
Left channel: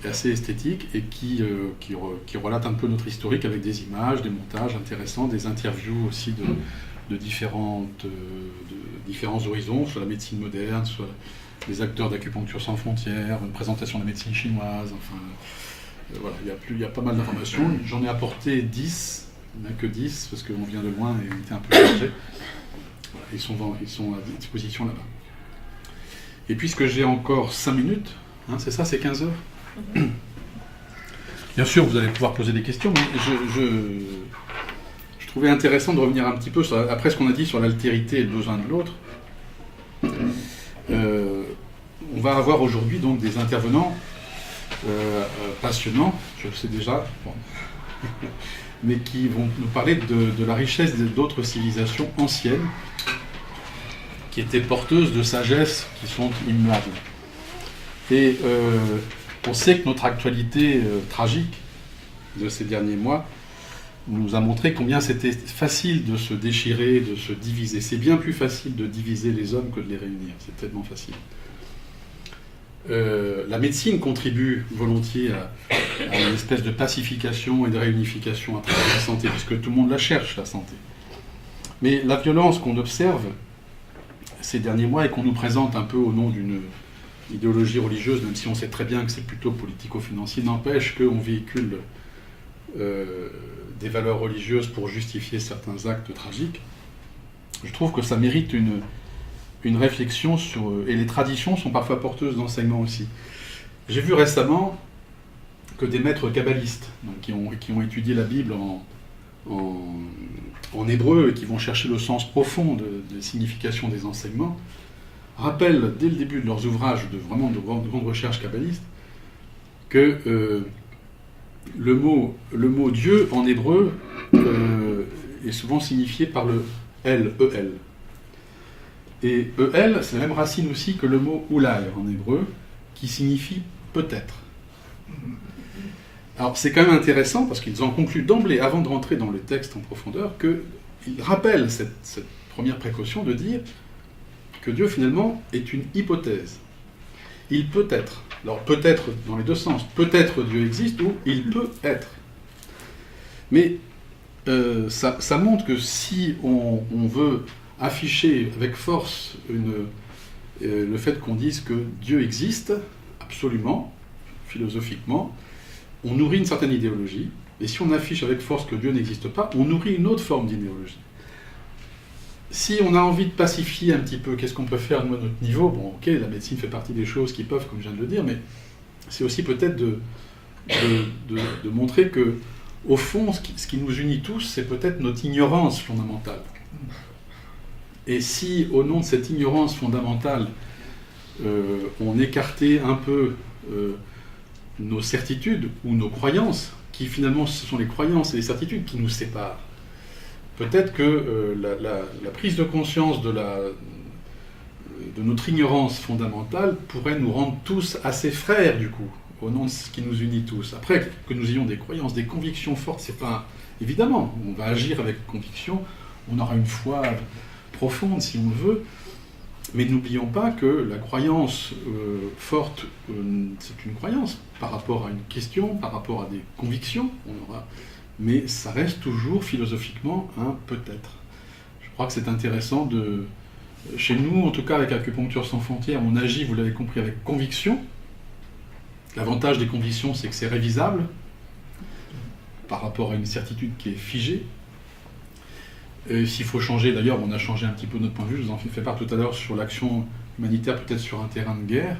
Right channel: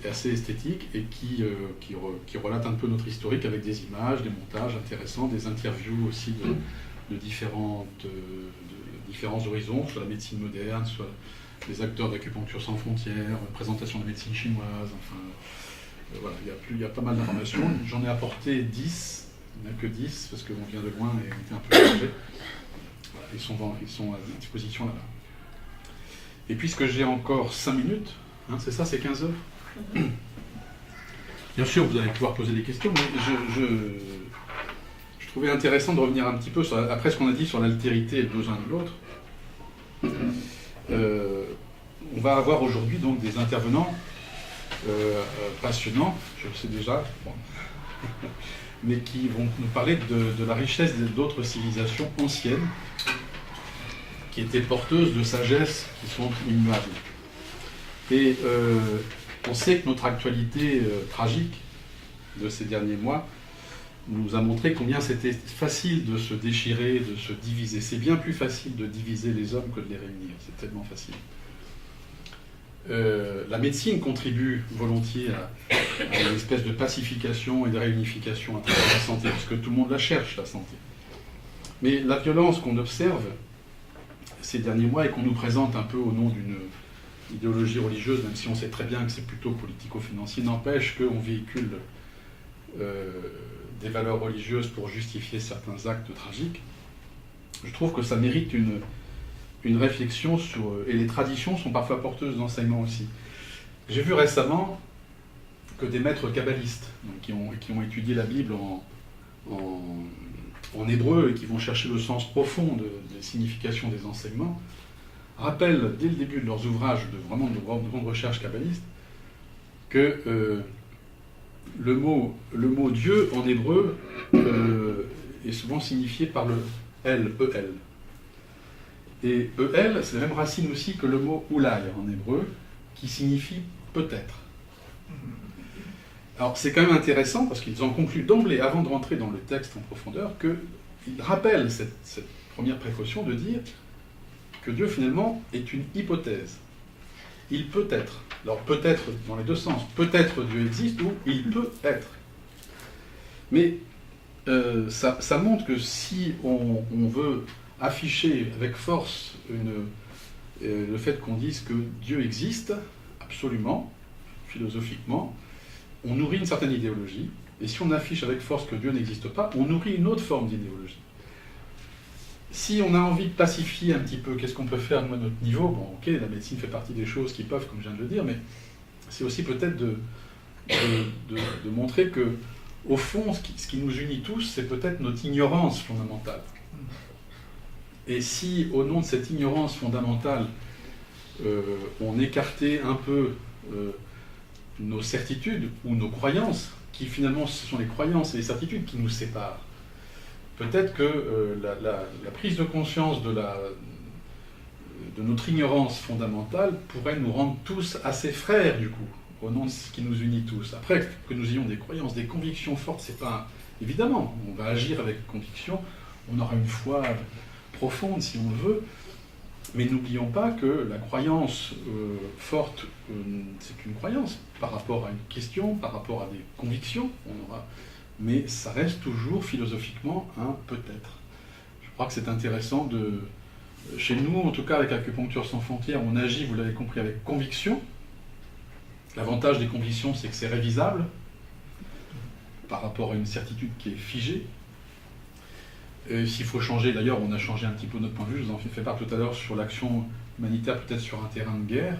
assez esthétique et qui relate un peu notre historique avec des images, des montages intéressants, des interviews aussi de différents horizons, soit la médecine moderne, soit des acteurs d'Acupuncture sans frontières, une présentation de la médecine chinoise, enfin voilà, il y a pas mal d'informations. J'en ai apporté 10, il n'y en a que 10 parce qu'on vient de loin et on était un peu chargé. Voilà, ils sont à disposition là-bas. Et puisque j'ai encore 5 minutes, hein, c'est ça, c'est 15 heures. Bien sûr, vous allez pouvoir poser des questions, mais je trouvais intéressant de revenir un petit peu après ce qu'on a dit sur l'altérité et le besoin de l'autre. On va avoir aujourd'hui donc des intervenants passionnants, je le sais déjà, bon, mais qui vont nous parler de la richesse d'autres civilisations anciennes qui étaient porteuses de sagesse qui sont immuables. Et on sait que notre actualité tragique de ces derniers mois nous a montré combien c'était facile de se déchirer, de se diviser. C'est bien plus facile de diviser les hommes que de les réunir, c'est tellement facile. La médecine contribue volontiers à une espèce de pacification et de réunification à travers la santé, puisque tout le monde la cherche, la santé. Mais la violence qu'on observe ces derniers mois et qu'on nous présente un peu au nom d'une idéologie religieuse, même si on sait très bien que c'est plutôt politico-financier, n'empêche qu'on véhicule des valeurs religieuses pour justifier certains actes tragiques. Je trouve que ça mérite une réflexion sur... Et les traditions sont parfois porteuses d'enseignements aussi. J'ai vu récemment que des maîtres kabbalistes, donc qui ont étudié la Bible en hébreu et qui vont chercher le sens profond des significations des enseignements, rappellent dès le début de leurs ouvrages de grande recherche kabbaliste que le mot Dieu en hébreu est souvent signifié par le El, E-L. Et E-L, c'est la même racine aussi que le mot Oulal en hébreu, qui signifie peut-être. Alors c'est quand même intéressant parce qu'ils en concluent d'emblée, avant de rentrer dans le texte en profondeur, qu'ils rappellent cette première précaution de dire que Dieu finalement est une hypothèse. Il peut être. Alors peut-être dans les deux sens. Peut-être Dieu existe ou il peut être. Mais ça montre que si on veut afficher avec force le fait qu'on dise que Dieu existe, absolument, philosophiquement, on nourrit une certaine idéologie, et si on affiche avec force que Dieu n'existe pas, on nourrit une autre forme d'idéologie. Si on a envie de pacifier un petit peu, qu'est-ce qu'on peut faire de notre niveau? Bon, ok, la médecine fait partie des choses qui peuvent, comme je viens de le dire, mais c'est aussi peut-être de montrer que, au fond, ce qui nous unit tous, c'est peut-être notre ignorance fondamentale. Et si, au nom de cette ignorance fondamentale, on écartait un peu nos certitudes ou nos croyances, qui finalement ce sont les croyances et les certitudes qui nous séparent, peut-être que la prise de conscience de notre ignorance fondamentale pourrait nous rendre tous assez frères, du coup, au nom de ce qui nous unit tous. Après, que nous ayons des croyances, des convictions fortes, c'est pas... Évidemment, on va agir avec conviction, on aura une foi profonde, si on le veut, mais n'oublions pas que la croyance forte, c'est une croyance par rapport à une question, par rapport à des convictions, mais ça reste toujours philosophiquement un peut-être. Je crois que c'est intéressant chez nous, en tout cas avec Acupuncture sans frontières, on agit, vous l'avez compris, avec conviction. L'avantage des convictions, c'est que c'est révisable par rapport à une certitude qui est figée. S'il faut changer, d'ailleurs, on a changé un petit peu notre point de vue, je vous en fais part tout à l'heure sur l'action humanitaire, peut-être sur un terrain de guerre,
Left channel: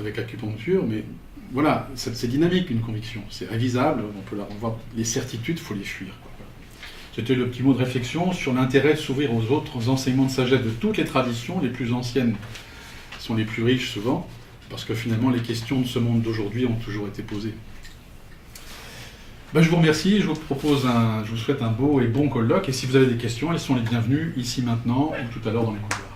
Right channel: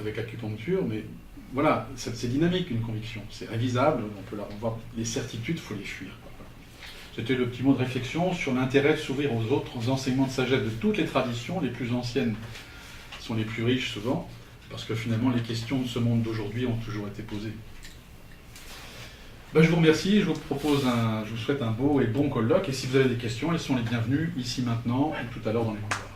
avec l'acupuncture, mais voilà, c'est dynamique une conviction, c'est révisable, on voit les certitudes, il faut les fuir. C'était le petit mot de réflexion sur l'intérêt de s'ouvrir aux autres enseignements de sagesse de toutes les traditions, les plus anciennes sont les plus riches souvent, parce que finalement les questions de ce monde d'aujourd'hui ont toujours été posées. Je vous remercie, je vous souhaite un beau et bon colloque, et si vous avez des questions, elles sont les bienvenues, ici maintenant, ou tout à l'heure dans les couloirs.